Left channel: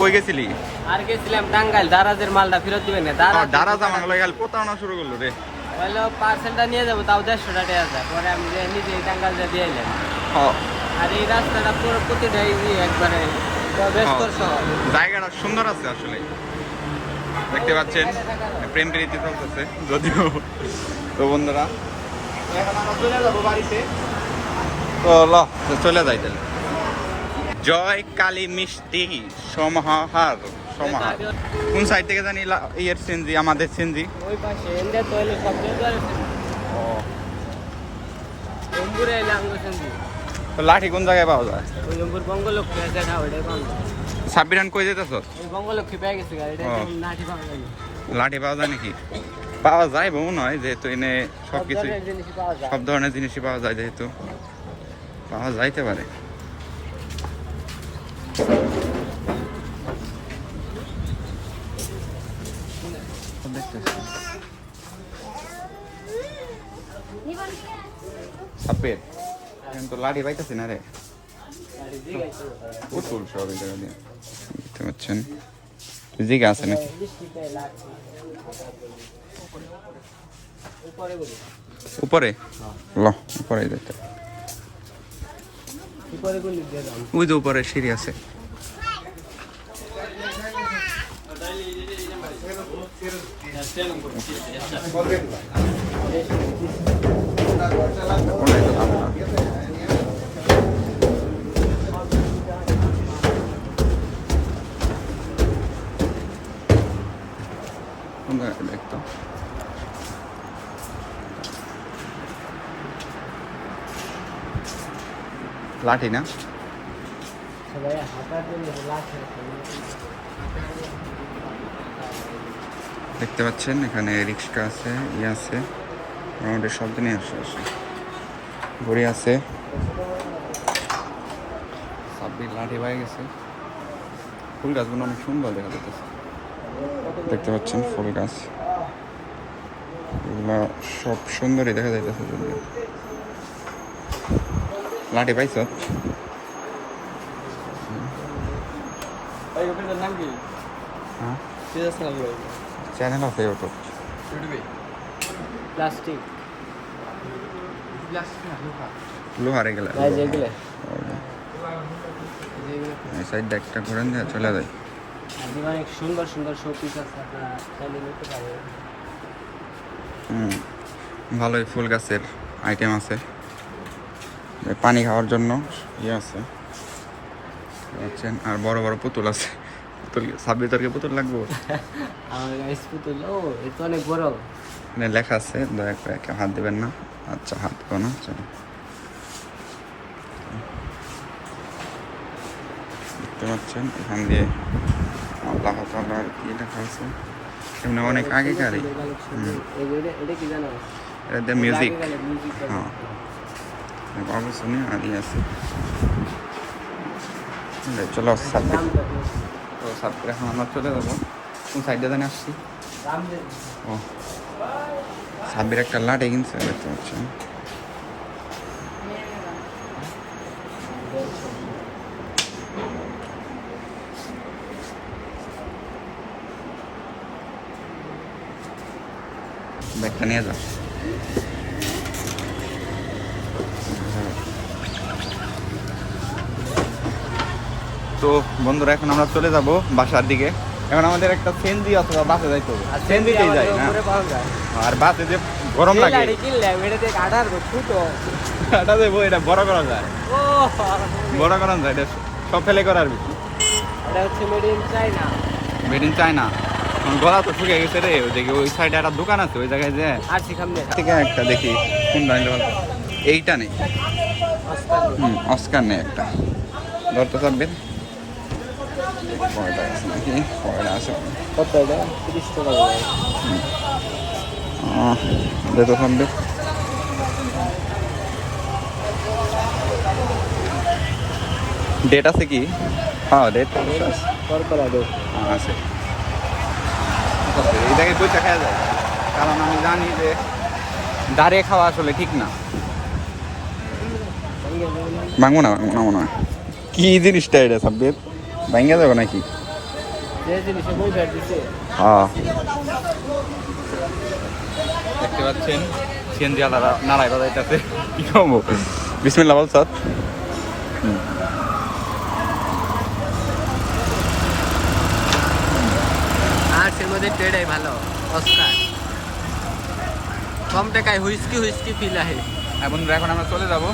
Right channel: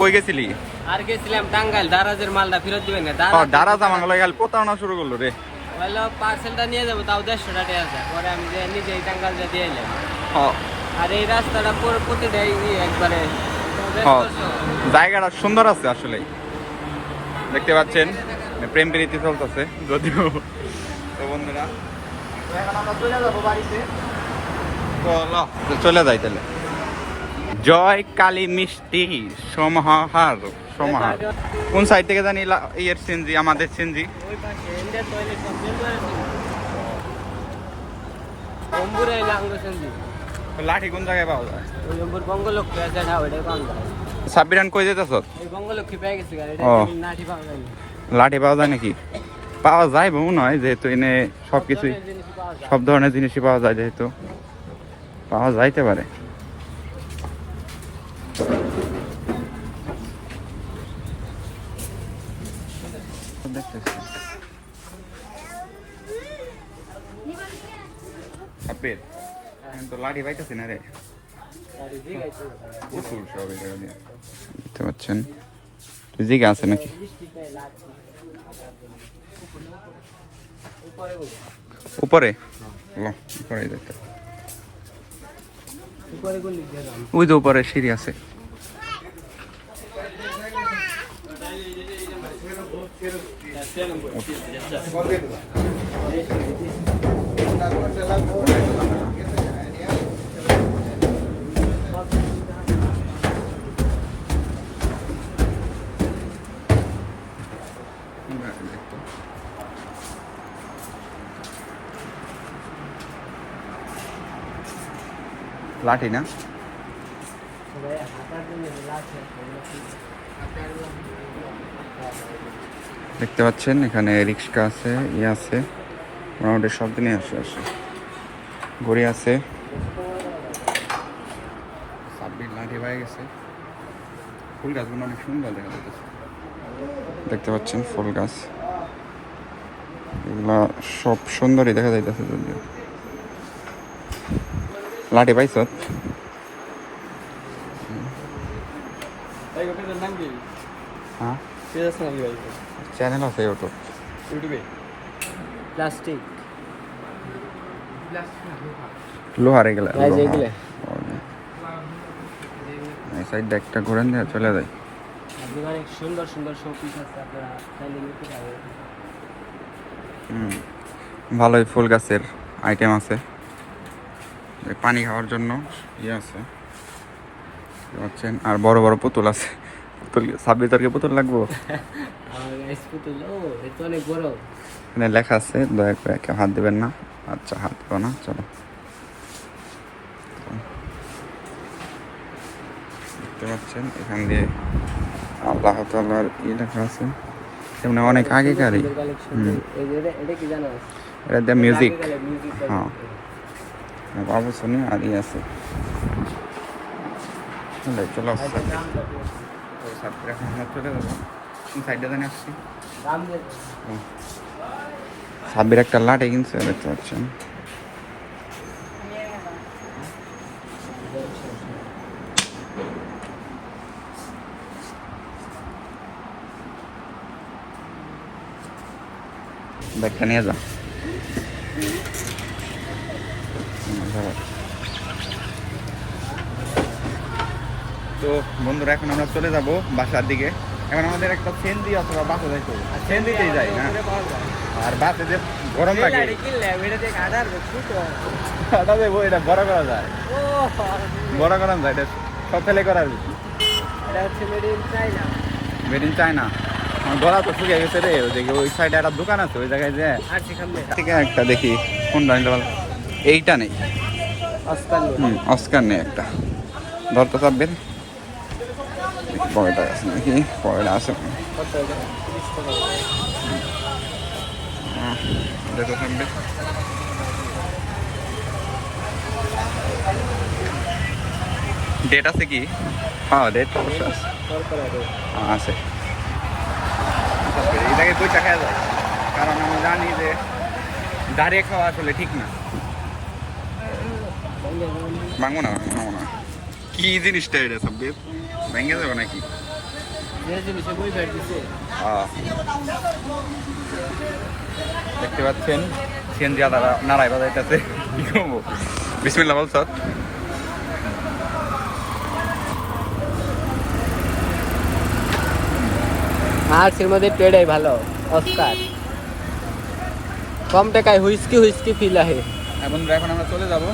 কই গেছিলি? আর গেছিলাম টাঙ্গাইল, দারাজের মালটা ফেরত দিবেন না। দারাজ আমাকে লাগে প্রতারণা শুরু করলো রে। হলো পার্সেলটা নিয়ে যাবো, তাও 150 টাকা আছে। পরে আমি যে নিজেই টাঙ্গাইল দিয়ে এলাম। আর এই রাস্তাটা পুরো প্রতিটাই একবারে জায়গাটা সুন্দর আছে আসলে, দেখতে পাচ্ছেন প্রেম প্রীতি চলতেছে যদিও। তো বন্ধুরা এখন আমরা চলে যাবো বাড়িতে, তো চলে যাই তাহলে। জয় কালী মিষ্টি সমাহার। কোন সাইড থেকে জানি ইয়ের সিনজি, আমাদের সিনজি লাঠি কোন জায়গায় পাওয়া যায়? বঙ্গলক্ষ্মী আছে, সাব্বিরান কই যেতেছ? বঙ্গলক্ষ্মী পেয়ে গেছে, লাঠি পাওয়া যায়নি। লাঠি পাওয়া যায় নাকি? পাওয়া যায় মনে হয়, যেহেতু এনে সবকিছু সব ধরনের জিনিসই পাওয়া যায়, যেহেতু পাওয়া যাইতে পারে। তো লাঠি পাইতেছি না রে, উঠুল সব দেখতে পাচ্ছেন। জিগা আছে নাকি উপরে? ল উপরে দেখতে, ওই যে উপরে সিঁড়ি আছে। দেখতো লাঠি না, দেখতে পাচ্ছেন এখানে রিক্সা আছে, ইয়ে আছে, মোটামুটি সব দিনই আসে ঘড়ি আছে। সাব্বির লাঠি পাই গেছে। ফুল গাছগুলো অনেক সুন্দর দেখা যাচ্ছে, দেখতে পাচ্ছেন ফুল গাছ এগুলা সব সুন্দরই দেখা যাইতেছে। যদিও লাঠি পাইছ? হ্যাঁ চ্যানেল আছে ইউটিউব। প্লাস্টিক লোহারে গেলে এই সাইড একটা ঘুরেন দিয়ে চলে যায়। অনেক সুন্দর সুন্দর শোপিস আছে, আপনারা নিতে পারেন। ভালোই ফুল গাছের আইটেম আছে, পানি খাওয়ার জন্য ইয়ে আছে পাচ্ছেন। আর বড় বড় পুতুল আছে। পুতুল সাব্বির তরকে পুতুল লাগবো? অনেক বড়। এখানে লেখা আছে দয়া করে কেউ হাত দেবেন না। আচ্ছা হাত দেবো না, চলো। দেখতে পাচ্ছেন এখান দিয়ে আল্লাহ তাআলার কি লেখা আছে, এমনি অনেক আগেকারই। এটা দিয়ে মিউজিক, হ্যাঁ বাবু শুনি আর ই আছে। চলো সাব্বির এখন আমরা চলে যাবো। কোন সাইডে জানি আসছি। ও সাব্বির একটা লাঠি কিনছে, দেখতে পাচ্ছেন। ব্যাগটা নিয়ে যা। তো বন্ধুরা এখন আমরা চলে যাব বাসার দিকে। এখন আমাদের একটা সেনজি অথবা বাসে যাইতে হবে। সেনজিতেই যাই না, আর বাসে যে গরম লাগে এটা দেবো, এটা বড় করা যায়, বড় করা যায়, এটা সব ফেলে করার বেশি। এটা হচ্ছে made in China. Made in China. গলা তো শুকিয়ে গেছে রে। ওই দিকে ওই সাইডে একটা দোকান আছে, ওই জায়গায় যে থেকে একটা দেখি কোনটা নিতে পারবো। এইটা নেই, অস্কার নেই একটা। ধরতে চাপবেন পরেটা আছে নাকি, পরেটা আছে যেতে থাকবে। ডেট আছে কি? হ্যাঁ ডেট আছে। এই জায়গায় বইটা খাওয়া যায়, কারণ আমি জানি যে দাঁড়িয়ে খাওয়া আসলে ঠিক না। ভাঙবো না, ভাঙবো না। কি জিনিসটা এটা সাব্বির, ভাঙে যাবে নাকি? যে জিনিসে বই ফের দিছে দেখতে পাচ্ছেন সিএনজি আলাদা নাড়াই বাজাইতেছে কি কমবো বিসমিল্লাহ বল স্যার মাছের মধ্যে টেডাই ভালো অস্কার কম টাকায় হুইস্কি ফিল আহে বন্ধুরা এখন আমরা চলে যাব